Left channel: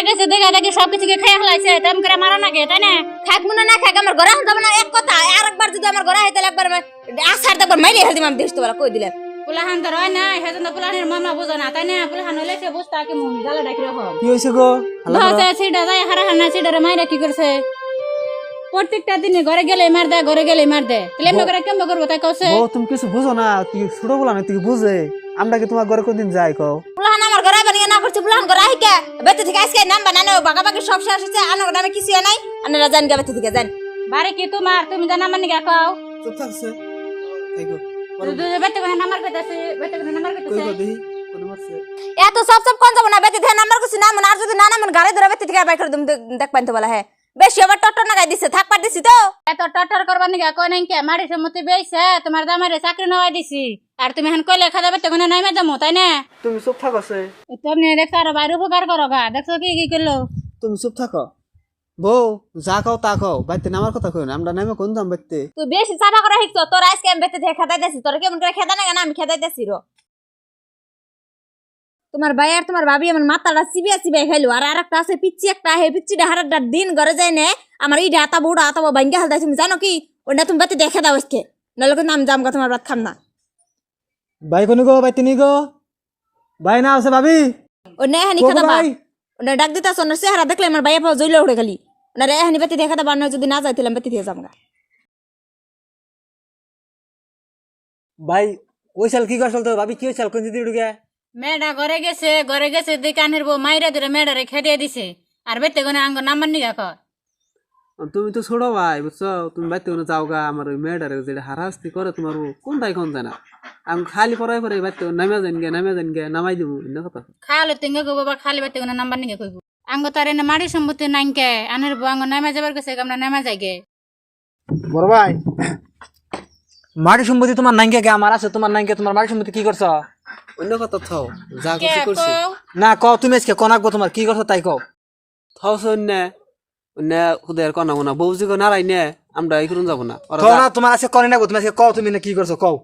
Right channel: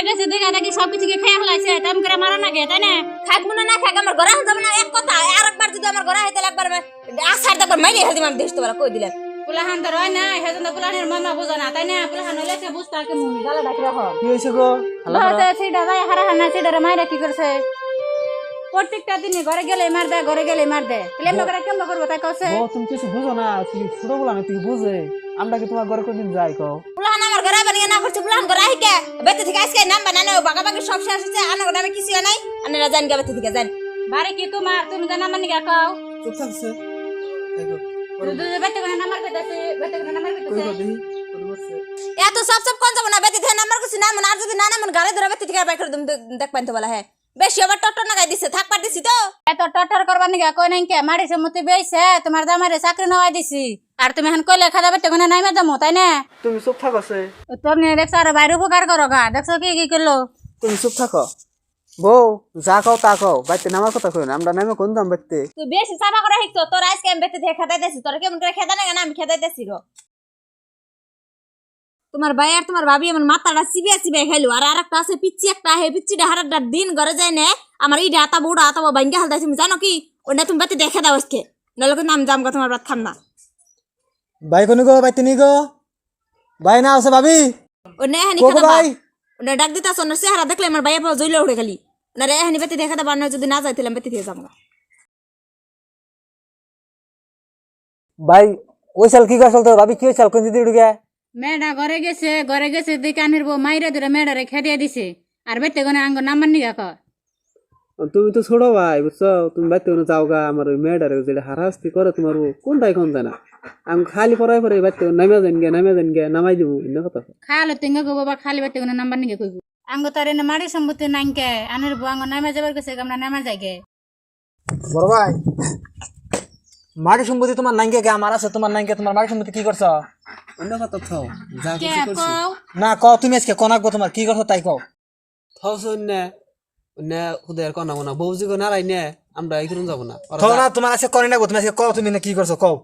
ঘরে গেছে দেখা দেখি সবকিছুকে খেয়ে ফেলাইছে তেম করে মারা নাকি তাই না খাক মুনা না খাক আমার ঘরে যাব না এক কথা আর একবার যদি আমার ঘরে আইতে একবার আসার দেখবার মাইরে হেল দিম আমি দেশ তো কই দিলাম পুলাহান তো রয় না হেজন তো পুলাহানের মামলা বুঝো না তাই না পুলাহান হলে সে বুঝতা কি মুনি গালে ডাকি রাখো কি হইছে গো ভাষা সিডা যায় হারা হানা সিডারে মাইরা কি করছে প্রত্যেকটা দিনে ঘরে গেলে মার দে ঘরে গেলে মার দে তাহলে এমন করে কেমন করবো তাই কইছে ও তুমি কিছু বুঝো না তুই ছোট বলা না তুই বুঝে আমরা কি তোমার ঘরে কোনদিন যাই কও পুলাহান আমার ঘরে বানিয়ে না করছে পুলাহান ঘরে আইকে বেতে থেকে আজকে নাম বানানো বাগাবাগি সব শেষ হচ্ছে আনো নামে কিছু নাই আপনারা জান গে বেতে থেকে যান বারে কি তোমার তুমি জানা মানে গা কও চুপ থাকছে দেখো দুই বেতে করে নাম্বার কইতাছে বেতে করে নাম্বার কইতাছে এত সব সব কোন যাব না বেতে থেকে নাম্বার কিছু নাম আর যদি না নাম গাড়ি ধরে বেতে থেকে বাই করে দিম দেখ পাইতো বলা হ্যাঁ বেশি আবার টটর না গাই দিছে থাক পার দিছি তো এত টটর করবার নিগা কই নাই কে মাড়ি সম্মতি বেইছে তোমার দামারে চাকরি নওয়াই দিছি আর তুমি হান কইলে খাদা বেতে কোনে নাইমা যামু তাই না তুমি চুপ থাকছে তুমি দেখছ আর বাইরে উপকার করো গা দেখছো কি কি করলো তুমি চুপ থাকো বউ যা কও তা কও বাইতে নামার কথা কই না আমরা নামে কোন দাম বাইতে তুই বেশি চাপা করে হিকছো তোর আজকে আমি বেতে থেকে খেদাই দিছি তোর কেমন করে খেদা না আমি খেদাই দিছি রো তোমার ভাই আর তোমার ভাবি আমার মাথাটা চিবিয়া চিবিয়া খাইলো আর আরেকটা আছে পিচ্চি একটা হে পিচ্চিটা হারাটা দিন ঘরে যায় না আমার এই আতা বউটা আতা ভাঙ্গা হালদাই তুমি জানো কি ওটা তুমি বেতে দেখে দাও আজকে নাহলে কিন্তু আমি জামগা তোমার ভাত খাম না ভাই কোন গো বাইতে নি গো ভাই না আছে ভাবি ও নে হানি কোকো খাদা ভাই ওটা ডাক দিতা সোনার চেহারা দেখলে আমার ভাইয়া পাওয়া জইলে উঠে খালি না রে হানি বেতে দেখা দাও না যদি না যাইতিলাম বেতে দিয়ে জামগা ভাই ওই সাল কি করছল তো ভাবি কি সাল কোন দিদি উঠে মেয়েটা ঘরে গেছে দোকানের বউ মাইরা ধরে মেয়েটারে খেদিয়ে দিছে আর বেতে কোনে আঙ্গ নাম্বার নিগা কর তুমি তো ছোট ভাই বুঝছো তুমি বাইতে কোনো যাও গা আমার ওই মেয়েটারে যেটা হারাস্তি করে তোমার কোনটাই কোন জানা আমি খালি পড়াই পরে বাইতে নামে যান গে নামাই দিব এনে কথা খালি তুঙ্গে কইব বা খালি বেতে কোনে নাম্বার নিগা কইব আঙ্গ তার এনে মাড়ি সম্পত্তি নাইকে আনের বউ আঙ্গ নামে যাবার কাছে আমরা নামা যাইগে বড় ভাই মাটি সম্পত্তি তোমার নাইকে কে আমার আছে তোমার নাইকে তোমার মাটি সম্পত্তি কি করছো অন্য কথা থাও যা কে কিছু করছি কও না কও তুমি আজকে কোনাকবো তোমার কি করছো তাই কও থাও অন্য অন্য খুদের কনা কোনা বউজি কো নারাই নে আমরা এই করুন যাব না থাও না তোমার আজকে করে নাকবো তুমি আজকে কও তুমি না কি করছো কও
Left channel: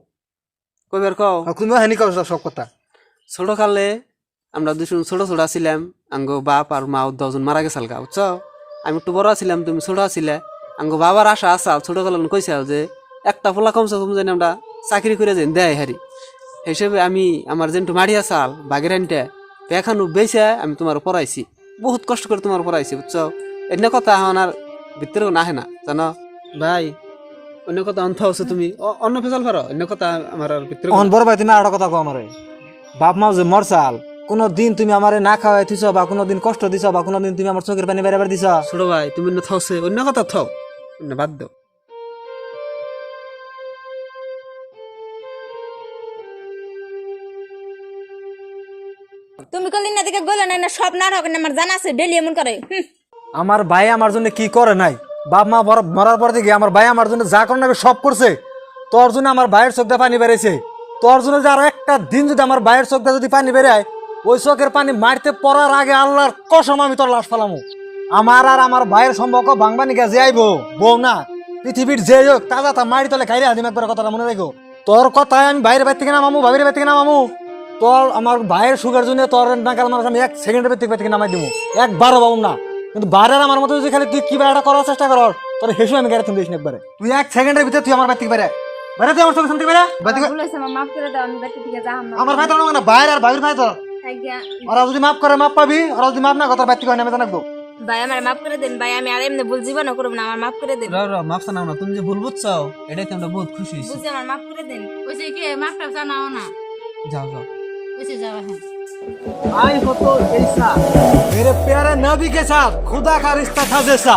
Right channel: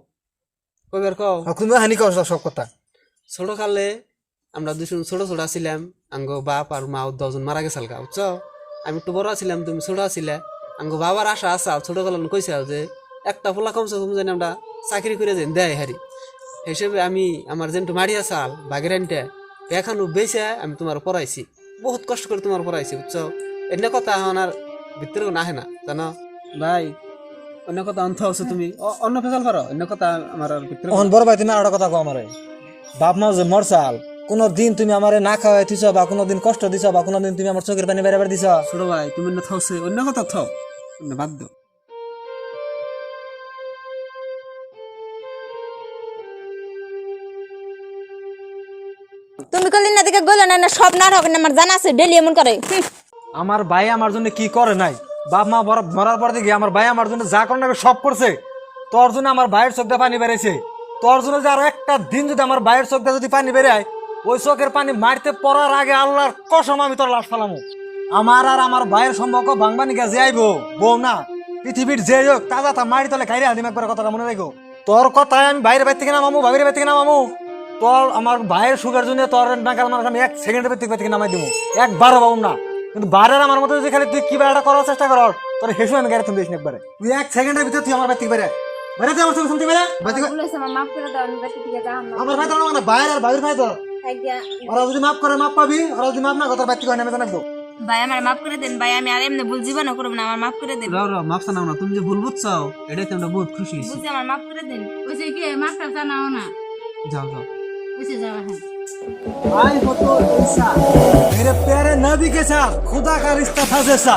কইবার কও তুমি হানি করছো সব কথা ছোট কালে আমরা দুজন ছোট ছোট ছিলাম আঙ্গ বাপ আর মা 10 জন মারা গেছাল গা বুঝছো আমি একটু বড় ছিলাম তুমি ছোট ছিলে আঙ্গ বাবার আশা আসাল ছোট কালে কইছে যে একটা পোলা কমছে কম জানি আমরা চাকরি করে যাই দেয় হারি হিসেবে আমি আমার যেন মাড়ি আসাল বাগের আনতে পেখানো বেছে আমি তোমার পড়াইছি বহুত কষ্ট করে তোমার পড়াইছি বুঝছো অন্য কথা আমার ভিতরেও নাহে না জানো ভাই অন্য কথা অন্থ হচ্ছে তুমি অন্য ফেসাল পারো অন্য কথা আমার ভিতরে অন বড় ভাই তুমি আর কথা কও আমারে বাপ মা যে মরসাল কোন দিন তুমি আমারে না খাওয়াই দিছো বা কোন দিন কষ্ট দিছো বা কোন দিন তুমি আমার চোখের পানি বের দিছো ছোট ভাই তুমি অন্য থাকছে অন্য কথা থাও অন্য বাদ দাও তুমি কলিন না দিকে গলে না সব না হবে না আমার জানা আছে ডেলি এমন করে আমার ভাই আমার জন্য কি করে নাই বাপ মা মরার পর থেকে আমার ভাই আমার জন্য যা করে না সব করছে তোর জন্য আমার ভাইয়ের চোখটা পানি বেড়েছে তোর জন্য যে আরো একটা দিন যদি আমার ভাইয়ের চোখটা যদি পানি বেড়ায় ওই চোখের পানি মারতে পড়ার আগে আল্লাহর কসম আমি তোর লাশ ফেলামো আমার আর আমার ভাইয়ের সম্পর্ক ভাঙবানি গা যে আইবো বউ না পৃথিবীর যে হোক তাজা তা মারি তলে খাইরে হাদিম একবার কথাটা মনে রেখো তোর কথায় আমি বাইরের বাড়ি থেকে নামামু ভাবির বাড়ি থেকে নামামু তোর আমার ভাইয়ের সুগার জন্য তোর নাকাল মানুষ আমি 1 সেকেন্ডের বাড়ি থেকে নামাই দেবো একবারও পাবো না কিন্তু বাইরের আমার মতো যদি খালি তুই কি একটা করার চেষ্টা কর তোর হেসে আমি গাড়ি তুমি দিস না একবারে তুই 1 সেকেন্ডের ভিতরে তুই আমার বাড়ি থেকে বেরে বেরে তুই আমার সঙ্গে শুনতে বেরে বলেছে মাফ করে দাও আমি বেতে থেকে যাম আমার ভাই তোর না বাইরে আর ভাবির ভাই তোর আজ্ঞা ওরা যদি মাফ করে মাফ পাবি ওরা যদি মাফ না করে তোর বাড়ি থেকে নেমে জানাবো ভাই আমার মাফ করে দেন ভাই আমি আর এমনি ভুল জীবনও করব না আমার মাফ করে দেন রাও রাও মাফ জানাও না তুমি যে ভুল বুঝছাও এটাই আমরা বহুত খুশি হইছি বুঝি আমার মাফ করে দেন ওইছে কি মাস্টার জানাও না যাও যাও ওইছে যাও হ্যাঁ आई हो तो ऐसा मेरे प्यारे नबी के साथ खुदा का रिश्ता था जैसा